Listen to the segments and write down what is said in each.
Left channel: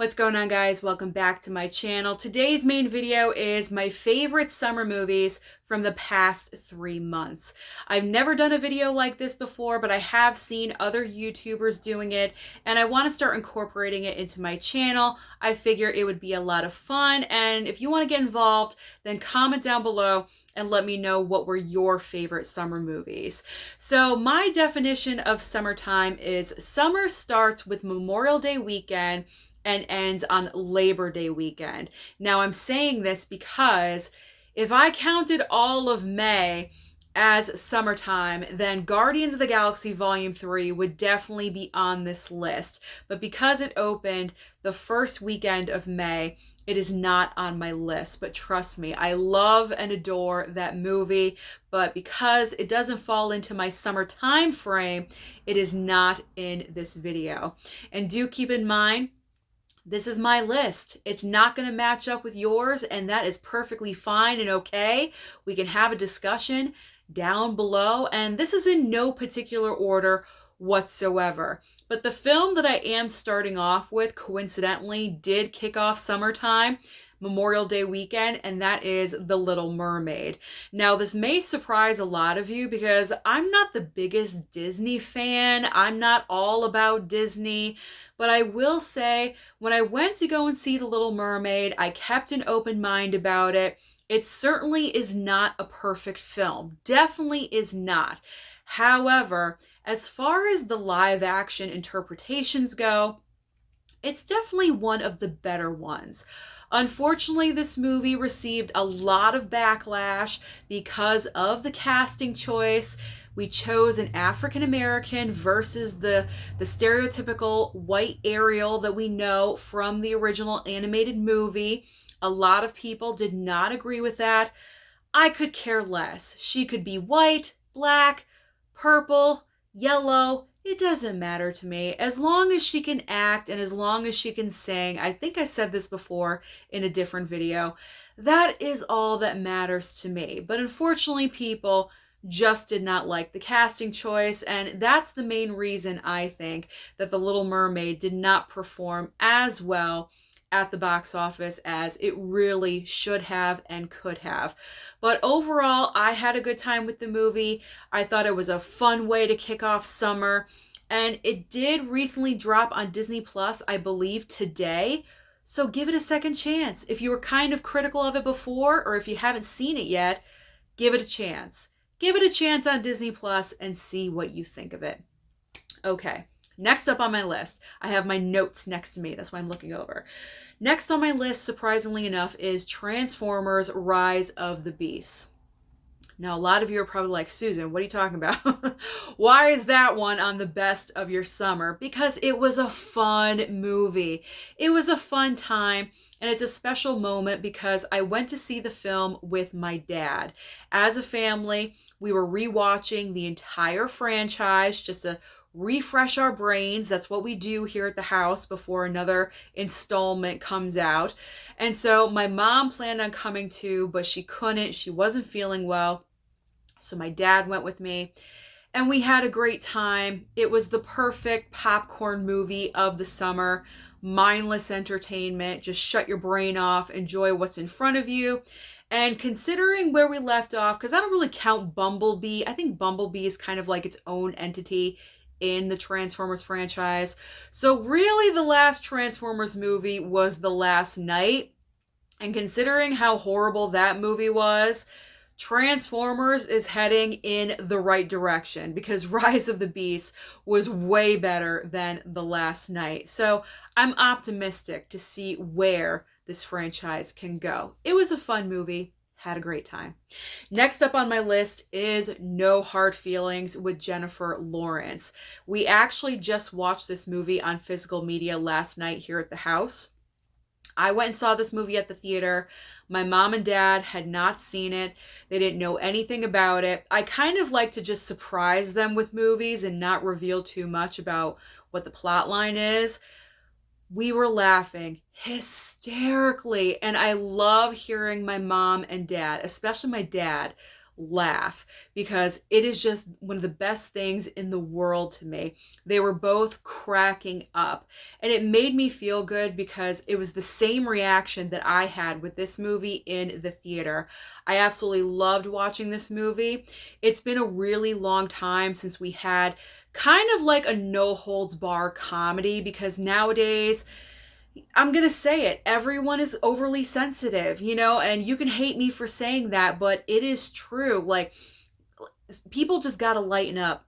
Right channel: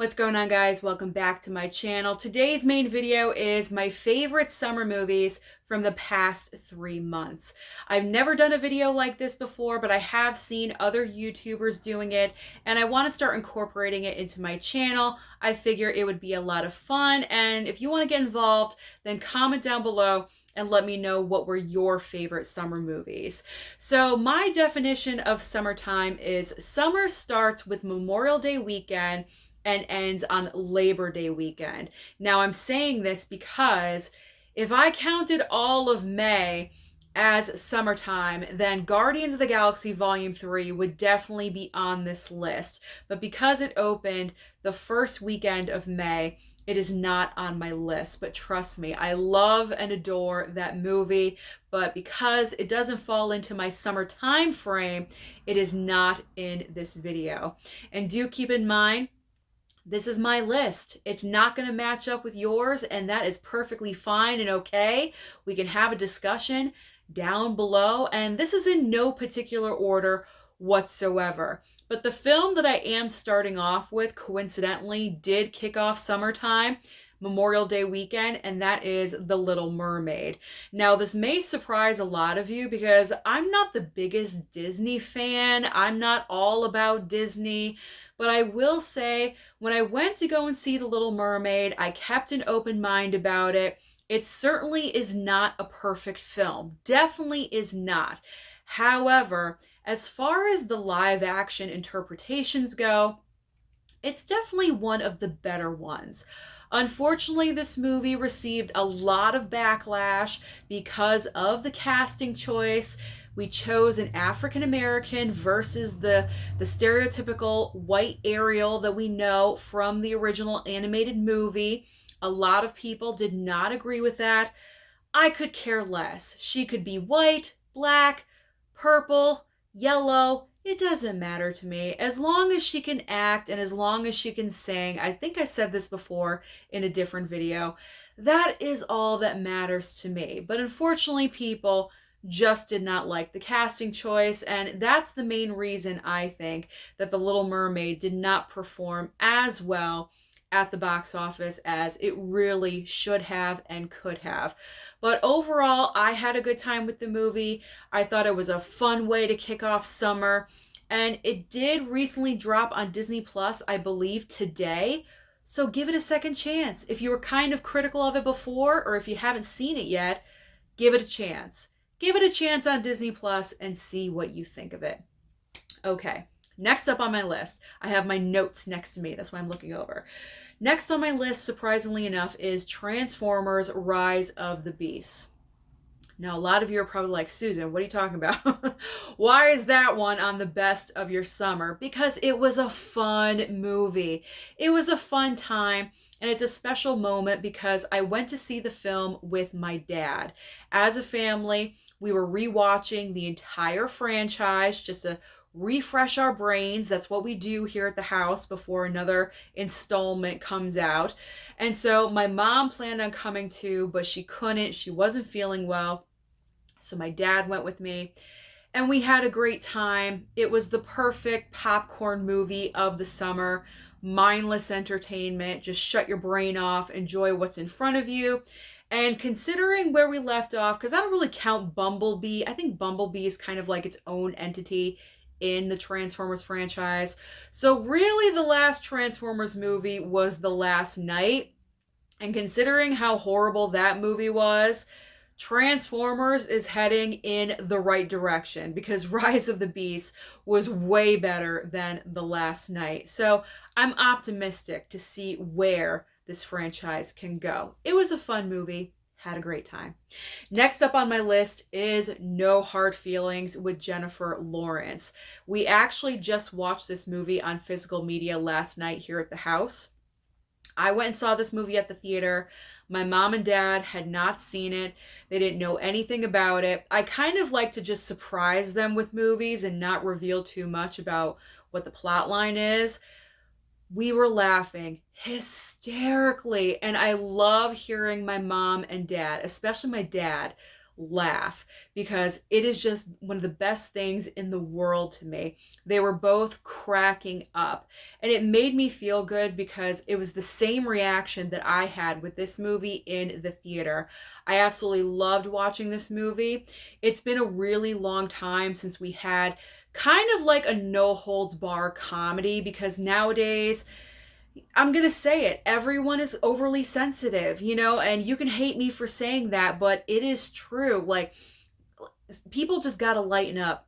What's going on, guys? Welcome back to my channel. Today's main video is my favorite summer movies from the past 3 months. I've never done a video like this before, but I have seen other YouTubers doing it, and I want to start incorporating it into my channel. I figure it would be a lot of fun, and if you want to get involved, then comment down below and let me know what were your favorite summer movies. So my definition of summertime is summer starts with Memorial Day weekend and ends on Labor Day weekend. Now, I'm saying this because if I counted all of May as summertime, then Guardians of the Galaxy Volume 3 would definitely be on this list. But because it opened the first weekend of May, it is not on my list. But trust me, I love and adore that movie. But because it doesn't fall into my summer time frame, it is not in this video. And do keep in mind, this is my list. It's not going to match up with yours, and that is perfectly fine and okay. We can have a discussion down below, and this is in no particular order whatsoever. But the film that I am starting off with, coincidentally, did kick off summertime, Memorial Day weekend, and that is The Little Mermaid. Now, this may surprise a lot of you because I'm not the biggest Disney fan. I'm not all about Disney. But I will say, when I went to go and see The Little Mermaid, I kept an open mind about it. It certainly is not a perfect film. Definitely is not. However, as far as the live action interpretations go, it's definitely one of the better ones. Unfortunately, this movie received a lot of backlash because of the casting choice. We chose an African American versus the stereotypical white Ariel that we know from the original animated movie. A lot of people did not agree with that. I could care less. She could be white, black, purple, yellow. It doesn't matter to me. As long as she can act and as long as she can sing, I think I said this before in a different video, that is all that matters to me. But unfortunately, people just did not like the casting choice, and that's the main reason I think that The Little Mermaid did not perform as well at the box office as it really should have and could have. But overall, I had a good time with the movie. I thought it was a fun way to kick off summer, and it did recently drop on Disney Plus, I believe today. So give it a second chance. If you were kind of critical of it before, or if you haven't seen it yet, give it a chance. Give it a chance on Disney Plus and see what you think of it. Okay, next up on my list, I have my notes next to me. That's why I'm looking over. Next on my list, surprisingly enough, is Transformers: Rise of the Beasts. Now, a lot of you are probably like, Susan, what are you talking about? Why is that one on the best of your summer? Because it was a fun movie. It was a fun time, and it's a special moment because I went to see the film with my dad. As a family, we were rewatching the entire franchise just to refresh our brains. That's what we do here at the house before another installment comes out. And so my mom planned on coming too, but she couldn't. She wasn't feeling well. So my dad went with me, and we had a great time. It was the perfect popcorn movie of the summer. Mindless entertainment. Just shut your brain off. Enjoy what's in front of you. And considering where we left off, because I don't really count Bumblebee. I think Bumblebee is kind of like its own entity in the Transformers franchise. So really the last Transformers movie was The Last Knight. And considering how horrible that movie was, Transformers is heading in the right direction because Rise of the Beast was way better than The Last Knight. So I'm optimistic to see where this franchise can go. It was a fun movie. Had a great time. Next up on my list is No Hard Feelings with Jennifer Lawrence. We actually just watched this movie on physical media last night here at the house. I went and saw this movie at the theater. My mom and dad had not seen it. They didn't know anything about it. I kind of like to just surprise them with movies and not reveal too much about what the plot line is. We were laughing hysterically, and I love hearing my mom and dad, especially my dad, laugh, because it is just one of the best things in the world to me. They were both cracking up, and it made me feel good because it was the same reaction that I had with this movie in the theater. I absolutely loved watching this movie. It's been a really long time since we had kind of like a no holds bar comedy, because nowadays, I'm going to say it, everyone is overly sensitive, and you can hate me for saying that, but it is true. Like, people just got to lighten up.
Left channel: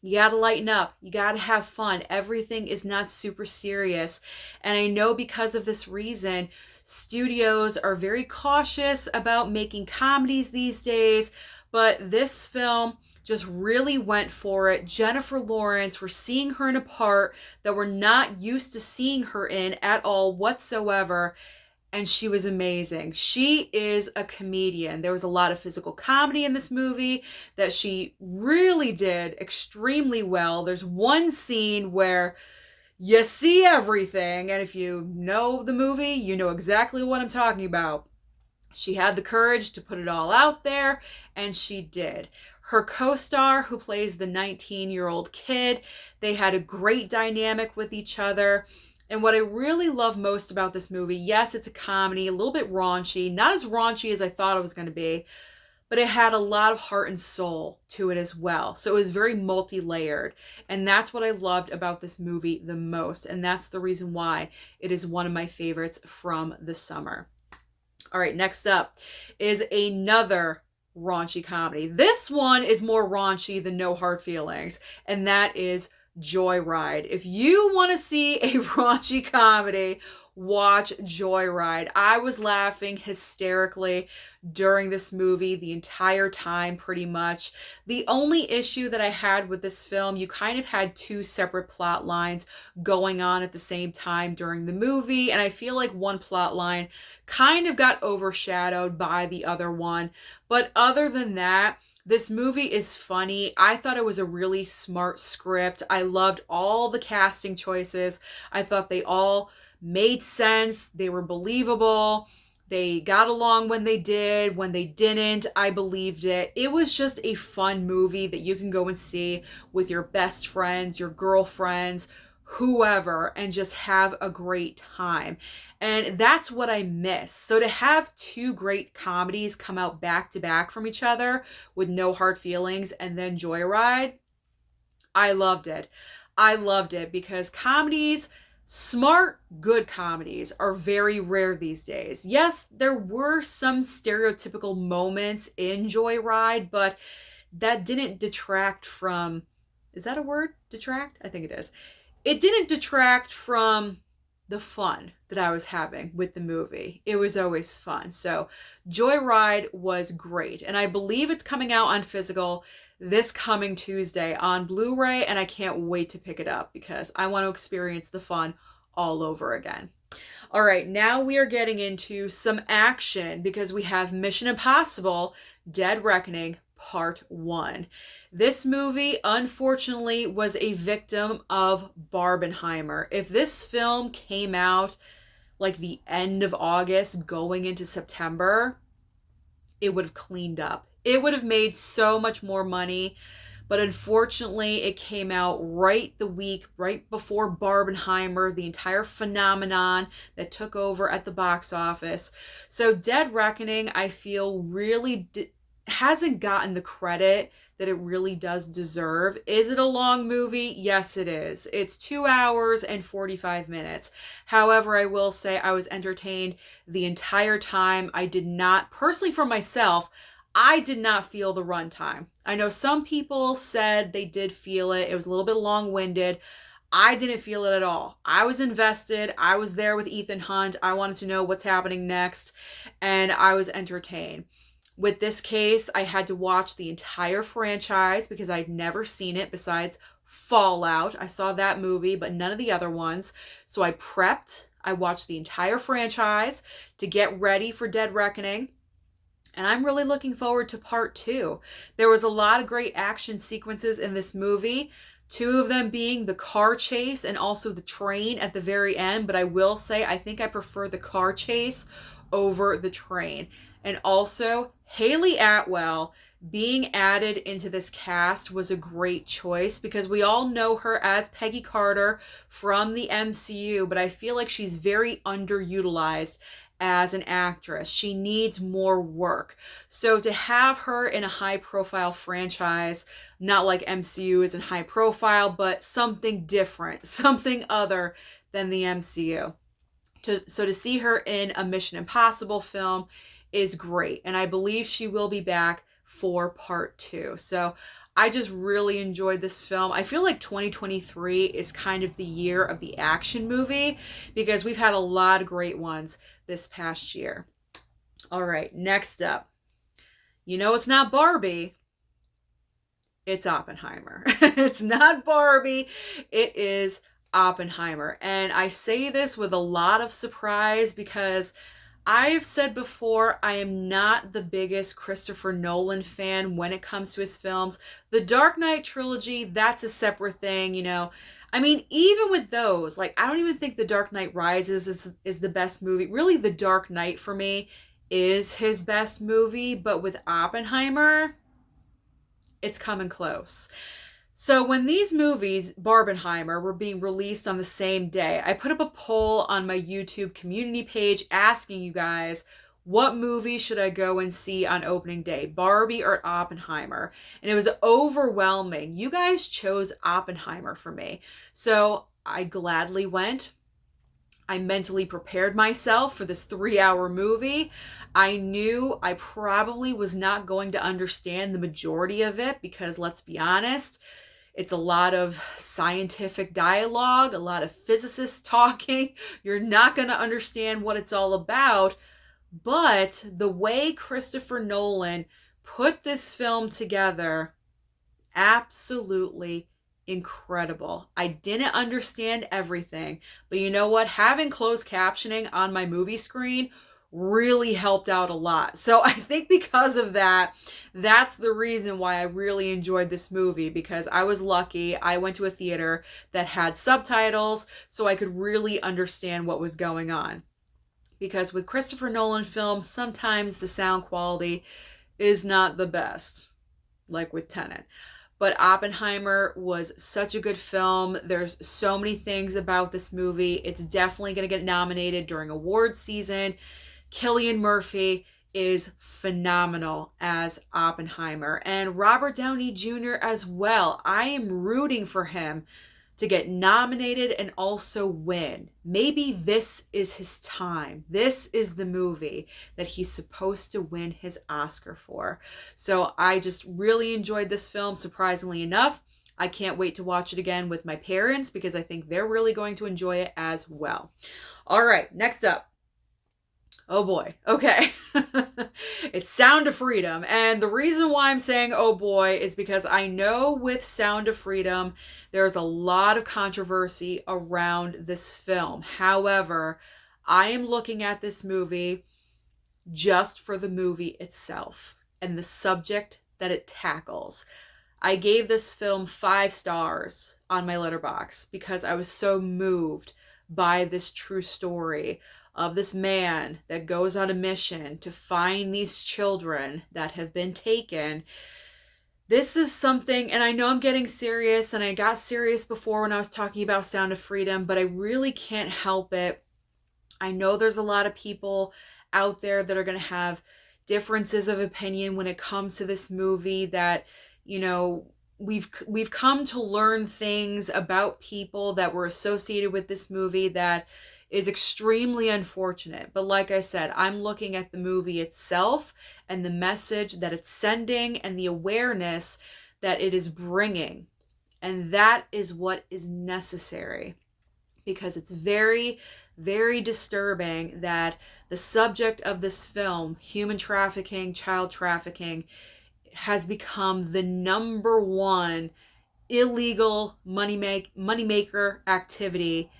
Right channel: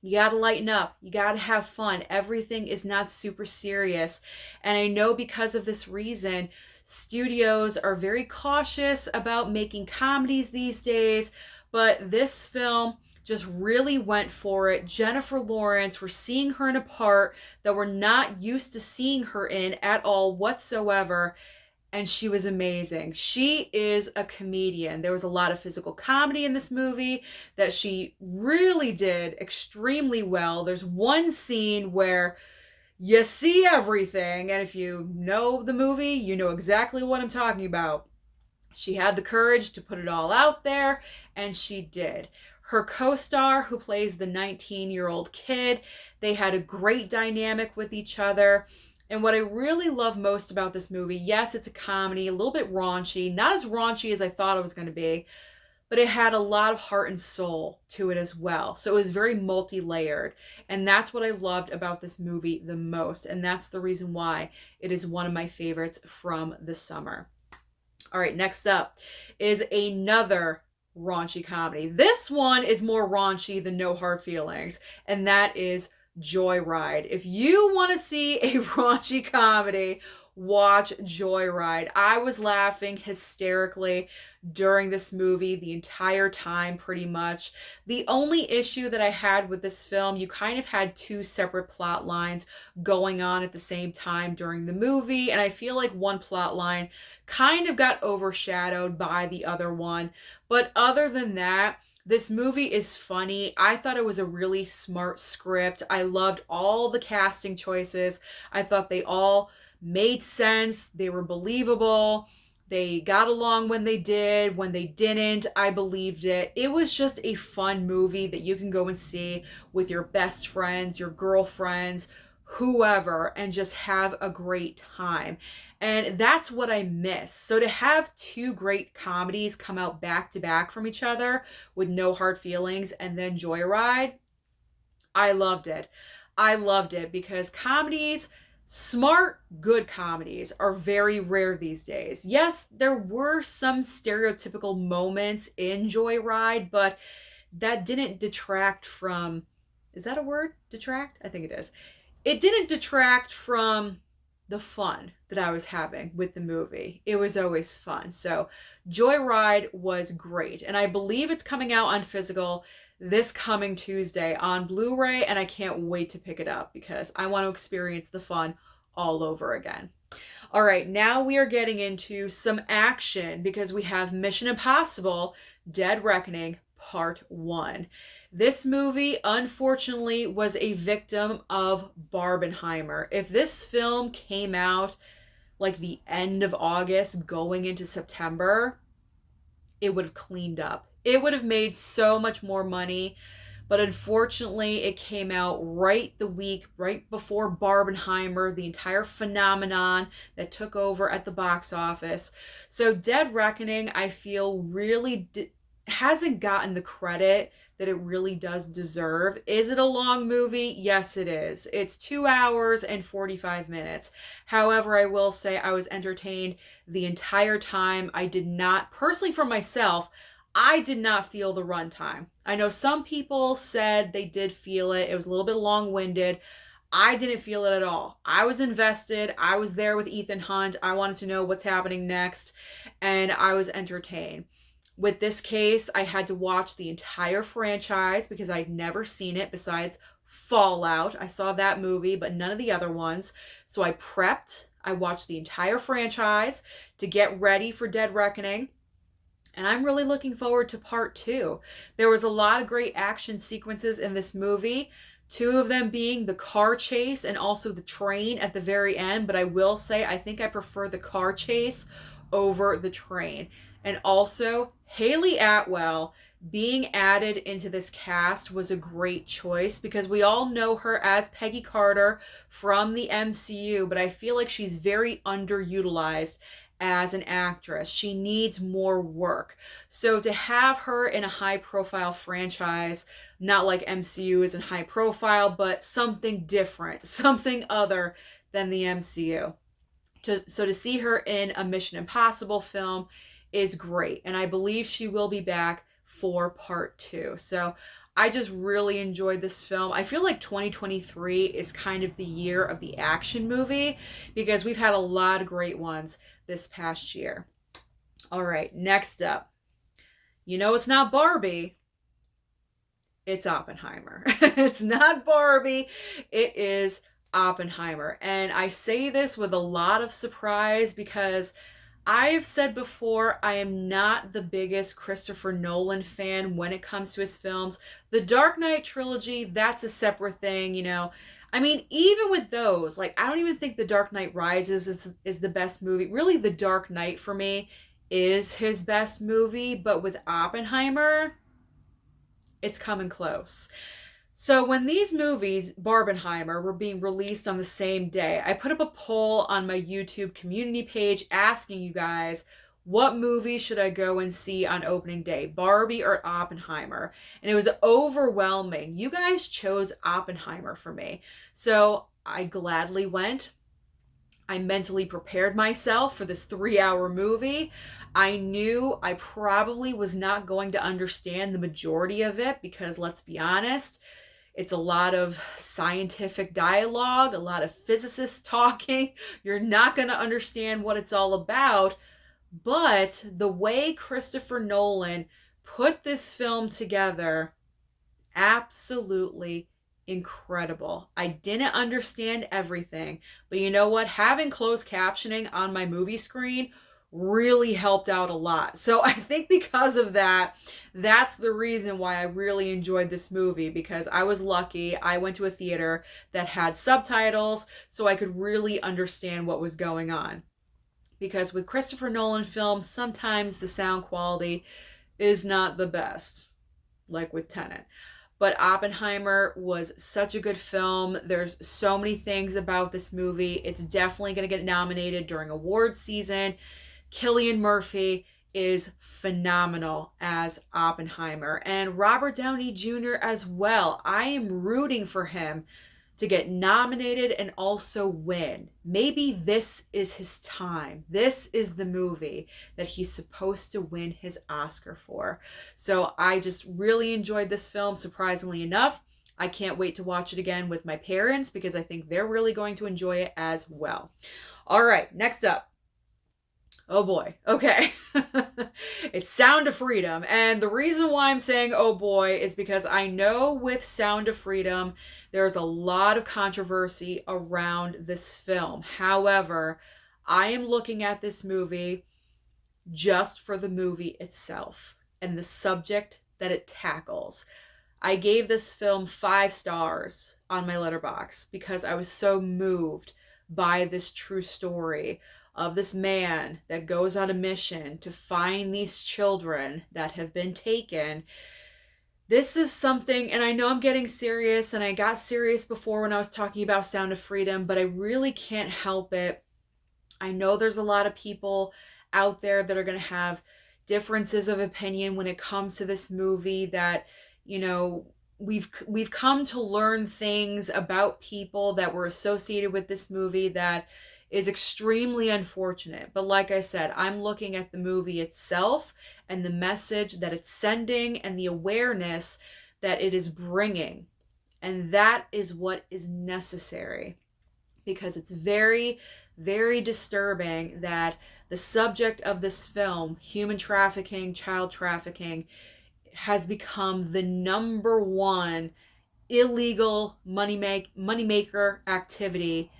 You got to lighten up. You got to have fun. Everything is not super serious. And I know because of this reason, studios are very cautious about making comedies these days, but this film just really went for it. Jennifer Lawrence, we're seeing her in a part that we're not used to seeing her in at all whatsoever, and she was amazing. She is a comedian. There was a lot of physical comedy in this movie that she really did extremely well. There's one scene where you see everything, and if you know the movie, you know exactly what I'm talking about. She had the courage to put it all out there, and she did. Her co-star, who plays the 19-year-old kid, they had a great dynamic with each other. And what I really love most about this movie, yes, it's a comedy, a little bit raunchy, not as raunchy as I thought it was going to be, but it had a lot of heart and soul to it as well. So it was very multi-layered. And that's what I loved about this movie the most. And that's the reason why it is one of my favorites from the summer. All right, next up is another raunchy comedy. This one is more raunchy than No Hard Feelings, and that is Joyride. If you want to see a raunchy comedy, watch Joyride. I was laughing hysterically during this movie the entire time, pretty much. The only issue that I had with this film, you kind of had two separate plot lines going on at the same time during the movie, and I feel like one plot line kind of got overshadowed by the other one. But other than that, this movie is funny. I thought it was a really smart script. I loved all the casting choices. I thought they all made sense. They were believable. They got along when they did. When they didn't, I believed it. It was just a fun movie that you can go and see with your best friends, your girlfriends, whoever, and just have a great time. And that's what I miss. So to have two great comedies come out back to back from each other with No Hard Feelings and then Joyride, I loved it. I loved it because comedies, smart, good comedies, are very rare these days. Yes, there were some stereotypical moments in Joyride, but that didn't detract from, is that a word? Detract? I think it is. It didn't detract from the fun that I was having with the movie. It was always fun. So Joyride was great. And I believe it's coming out on physical this coming Tuesday on Blu-ray, and I can't wait to pick it up because I want to experience the fun all over again. All right, now we are getting into some action because we have Mission Impossible: Dead Reckoning Part 1. This movie, unfortunately, was a victim of Barbenheimer. If this film came out like the end of August going into September, it would have cleaned up. It would have made so much more money. But unfortunately, it came out right the week, right before Barbenheimer, the entire phenomenon that took over at the box office. So Dead Reckoning, I feel, really hasn't gotten the credit that it really does deserve. Is it a long movie? Yes, it is. It's 2 hours and 45 minutes. However, I will say I was entertained the entire time. I did not, personally for myself, I did not feel the runtime. I know some people said they did feel it. It was a little bit long-winded. I didn't feel it at all. I was invested. I was there with Ethan Hunt. I wanted to know what's happening next, and I was entertained. With this case, I had to watch the entire franchise because I'd never seen it besides Fallout. I saw that movie, but none of the other ones. So I prepped. I watched the entire franchise to get ready for Dead Reckoning. And I'm really looking forward to part 2. There was a lot of great action sequences in this movie. 2 of them being the car chase and also the train at the very end. But I will say, I think I prefer the car chase over the train. And also, Haley Atwell being added into this cast was a great choice because we all know her as Peggy Carter from the MCU, but I feel like she's very underutilized as an actress. She needs more work. So to have her in a high profile franchise, not like MCU isn't high profile, but something different, something other than the MCU. So to see her in a Mission Impossible film is great. And I believe she will be back for part 2. So I just really enjoyed this film. I feel like 2023 is kind of the year of the action movie because we've had a lot of great ones this past year. All right, next up. You know it's not Barbie. It's Oppenheimer. It's not Barbie. It is Oppenheimer. And I say this with a lot of surprise because I've said before, I am not the biggest Christopher Nolan fan when it comes to his films. The Dark Knight trilogy, that's a separate thing, you know. I mean, even with those, like, I don't even think The Dark Knight Rises is the best movie. Really, The Dark Knight for me is his best movie, but with Oppenheimer, it's coming close. So when these movies, Barbenheimer, were being released on the same day, I put up a poll on my YouTube community page asking you guys, what movie should I go and see on opening day, Barbie or Oppenheimer? And it was overwhelming. You guys chose Oppenheimer for me. So I gladly went. I mentally prepared myself for this 3-hour movie. I knew I probably was not going to understand the majority of it because, let's be honest, it's a lot of scientific dialogue, a lot of physicists talking. You're not going to understand what it's all about. But the way Christopher Nolan put this film together, absolutely incredible. I didn't understand everything, but you know what? Having closed captioning on my movie screen really helped out a lot. So I think because of that, that's the reason why I really enjoyed this movie, because I was lucky. I went to a theater that had subtitles so I could really understand what was going on. Because with Christopher Nolan films, sometimes the sound quality is not the best, like with Tenet. But Oppenheimer was such a good film. There's so many things about this movie. It's definitely going to get nominated during awards season. Cillian Murphy is phenomenal as Oppenheimer, and Robert Downey Jr. as well. I am rooting for him to get nominated and also win. Maybe this is his time. This is the movie that he's supposed to win his Oscar for. So I just really enjoyed this film, surprisingly enough. I can't wait to watch it again with my parents because I think they're really going to enjoy it as well. All right, next up. Oh boy. Okay. It's Sound of Freedom. And the reason why I'm saying oh boy is because I know with Sound of Freedom, there's a lot of controversy around this film. However, I am looking at this movie just for the movie itself and the subject that it tackles. I gave this film 5 stars on my Letterboxd because I was so moved by this true story of this man that goes on a mission to find these children that have been taken. This is something, and I know I'm getting serious, and I got serious before when I was talking about Sound of Freedom, but I really can't help it. I know there's a lot of people out there that are going to have differences of opinion when it comes to this movie, that, you know, we've come to learn things about people that were associated with this movie that is extremely unfortunate. But like I said, I'm looking at the movie itself and the message that it's sending and the awareness that it is bringing. And that is what is necessary, because it's very, very disturbing that the subject of this film, human trafficking, child trafficking, has become the #1 illegal moneymaker activity,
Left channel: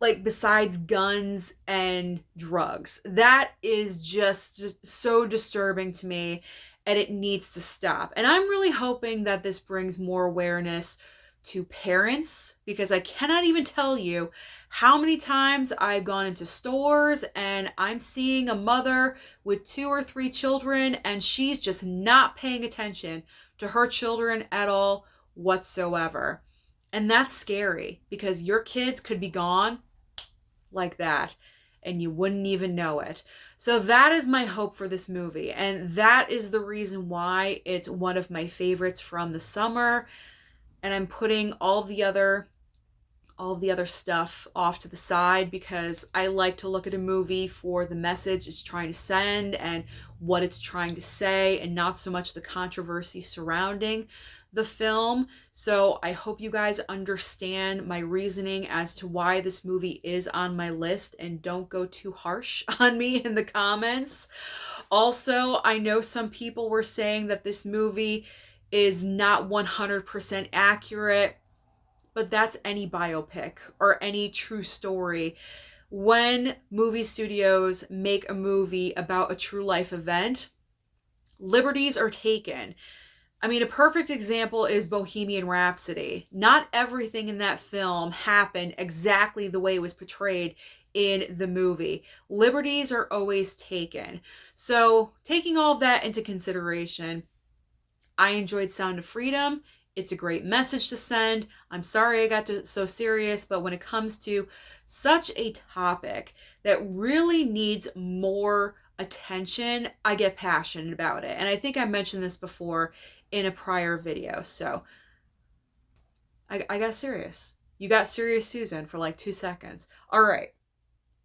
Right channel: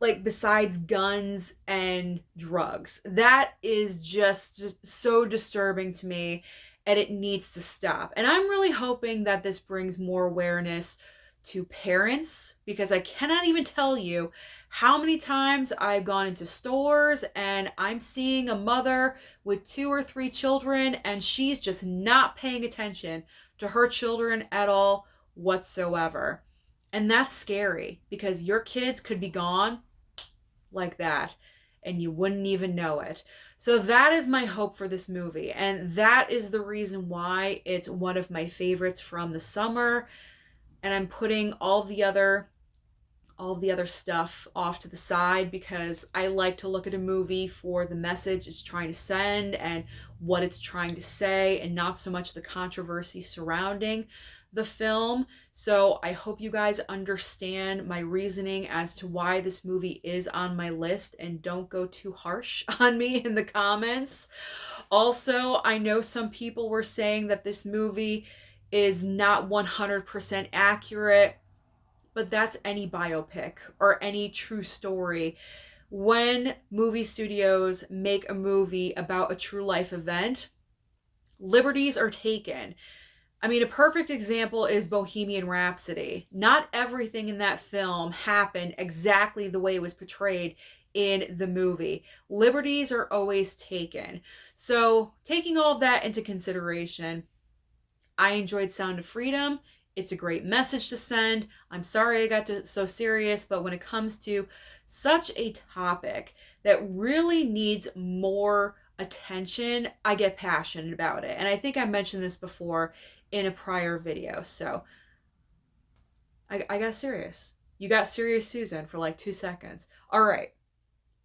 like besides guns and drugs. That is just so disturbing to me, and it needs to stop. And I'm really hoping that this brings more awareness to parents, because I cannot even tell you How many times I've gone into stores and I'm seeing a mother with 2 or 3 children and she's just not paying attention to her children at all whatsoever. And that's scary because your kids could be gone like that and you wouldn't even know it. So that is my hope for this movie, and that is the reason why it's one of my favorites from the summer. And I'm putting all the other stuff off to the side because I like to look at a movie for the message it's trying to send and what it's trying to say, and not so much the controversy surrounding the film. So I hope you guys understand my reasoning as to why this movie is on my list, and don't go too harsh on me in the comments. Also, I know some people were saying that this movie is not 100% accurate, but that's any biopic or any true story. When movie studios make a movie about a true life event, liberties are taken. I mean, a perfect example is Bohemian Rhapsody. Not everything in that film happened exactly the way it was portrayed in the movie. Liberties are always taken. So, taking all of that into consideration, I enjoyed Sound of Freedom. It's a great message to send. I'm sorry I got so serious, but when it comes to such a topic that really needs more attention, I get passionate about it. And I think I mentioned this before in a prior video. So I got serious. You got serious, Susan, for like 2 seconds. All right.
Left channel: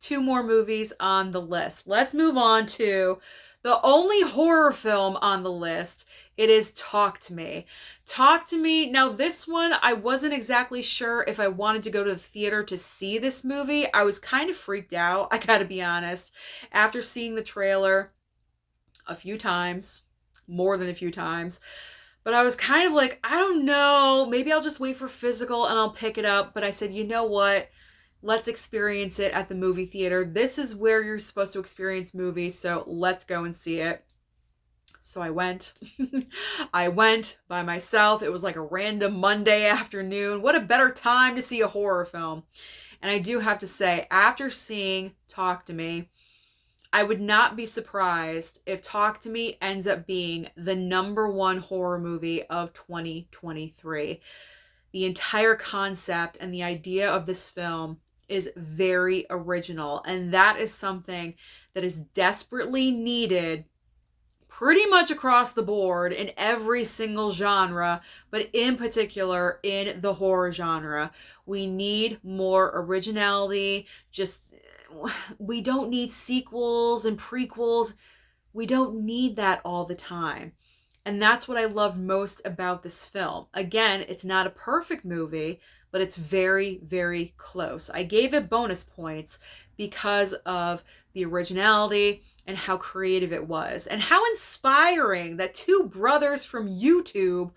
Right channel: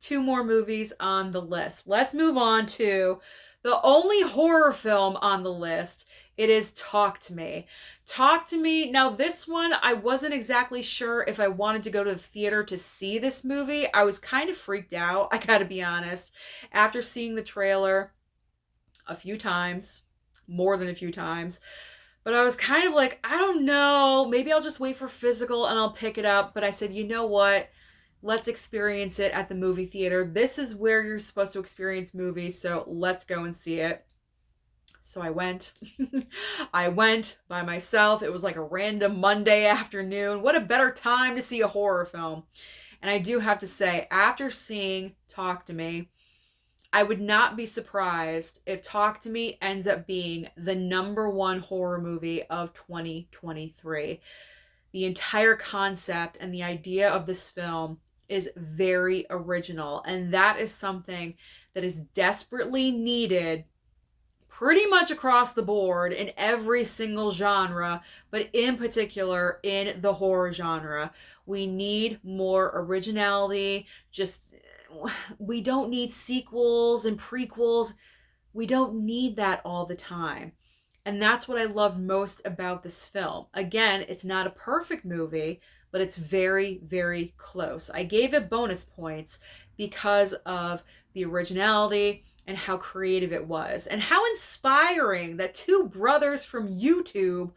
2 more movies on the list. Let's move on to the only horror film on the list. It is Talk to Me. Talk to Me. Now, this one, I wasn't exactly sure if I wanted to go to the theater to see this movie. I was kind of freaked out, I gotta be honest, after seeing the trailer a few times, more than a few times. But I was kind of like, I don't know, maybe I'll just wait for physical and I'll pick it up. But I said, you know what? Let's experience it at the movie theater. This is where you're supposed to experience movies, so let's go and see it. So I went. I went by myself. It was like a random Monday afternoon. What a better time to see a horror film. And I do have to say, after seeing Talk to Me, I would not be surprised if Talk to Me ends up being the #1 horror movie of 2023. The entire concept and the idea of this film is very original, and that is something that is desperately needed pretty much across the board in every single genre, but in particular in the horror genre. We need more originality. Just, we don't need sequels and prequels. We don't need that all the time. And that's what I loved most about this film. Again, it's not a perfect movie, but it's very, very close. I gave it bonus points because of the originality and how creative it was, and how inspiring that 2 brothers from YouTube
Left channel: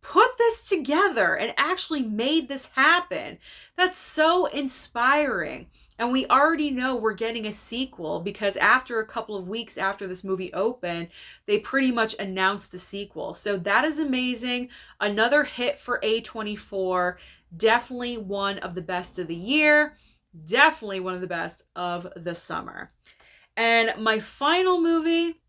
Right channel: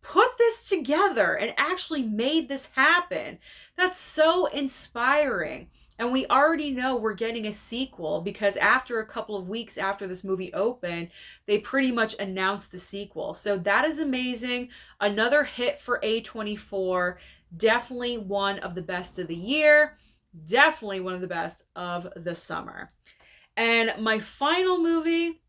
put this together and actually made this happen. That's so inspiring. And we already know we're getting a sequel because after a couple of weeks after this movie opened, they pretty much announced the sequel. So that is amazing. Another hit for A24. Definitely one of the best of the year. Definitely one of the best of the summer. And my final movie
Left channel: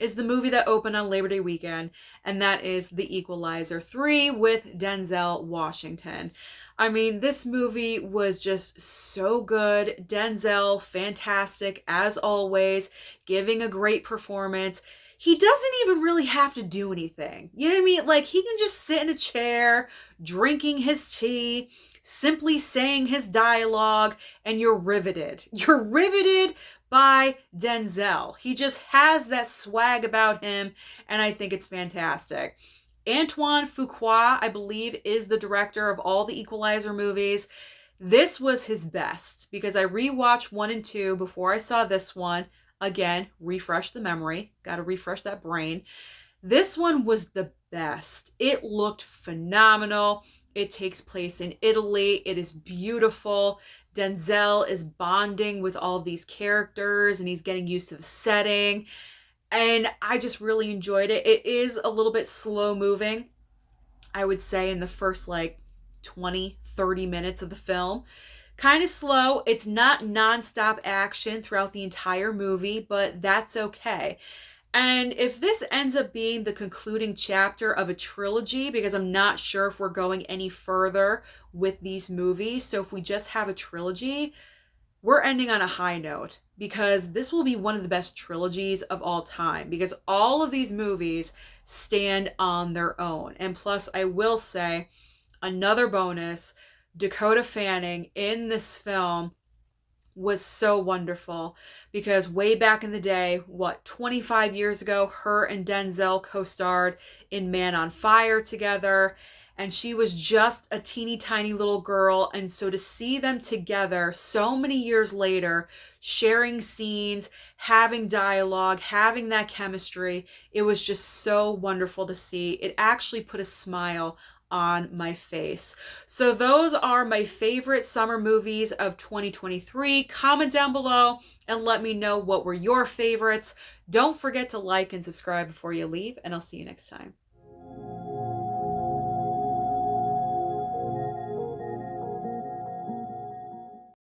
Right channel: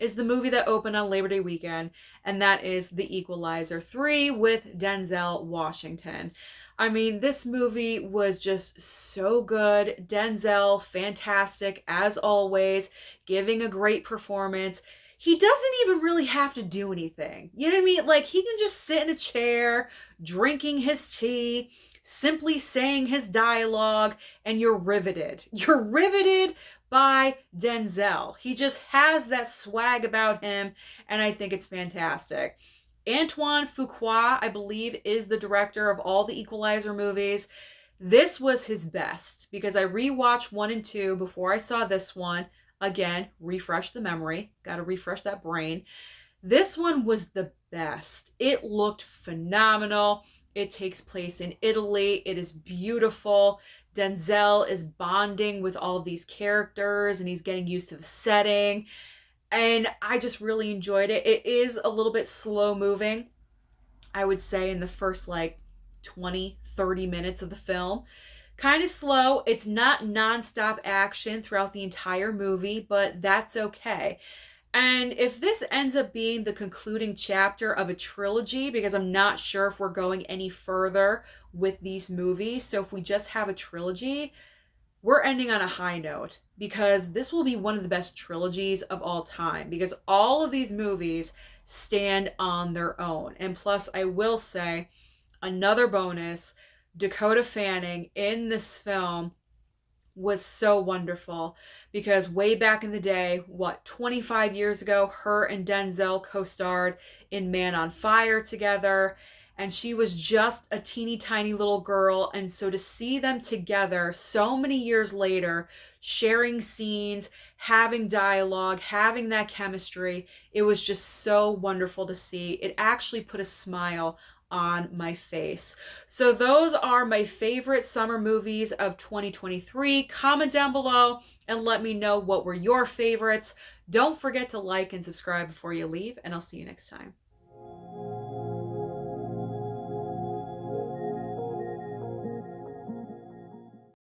is the movie that opened on Labor Day weekend, and that is The Equalizer 3 with Denzel Washington. I mean, this movie was just so good. Denzel, fantastic as always, giving a great performance. He doesn't even really have to do anything. You know what I mean? Like, he can just sit in a chair, drinking his tea, simply saying his dialogue, and you're riveted. You're riveted by Denzel. He just has that swag about him, and I think it's fantastic. Antoine Fuqua, I believe, is the director of all the Equalizer movies. This was his best because I rewatched 1 and 2 before I saw this one. Again, refresh the memory. Got to refresh that brain. This one was the best. It looked phenomenal. It takes place in Italy. It is beautiful. Denzel is bonding with all of these characters and he's getting used to the setting. And I just really enjoyed it. It is a little bit slow moving, I would say, in the first like 20, 30 minutes of the film. Kind of slow. It's not nonstop action throughout the entire movie, but that's okay. And if this ends up being the concluding chapter of a trilogy, because I'm not sure if we're going any further with these movies, so if we just have a trilogy, we're ending on a high note because this will be one of the best trilogies of all time because all of these movies stand on their own. And plus, I will say, another bonus, Dakota Fanning in this film was so wonderful because way back in the day, 25 years ago, her and Denzel co-starred in Man on Fire together, and she was just a teeny tiny little girl. And so to see them together so many years later, sharing scenes, having dialogue, having that chemistry, it was just so wonderful to see. It actually put a smile on my face. So those are my favorite summer movies of 2023. Comment down below and let me know what were your favorites. Don't forget to like and subscribe before you leave, and I'll see you next time.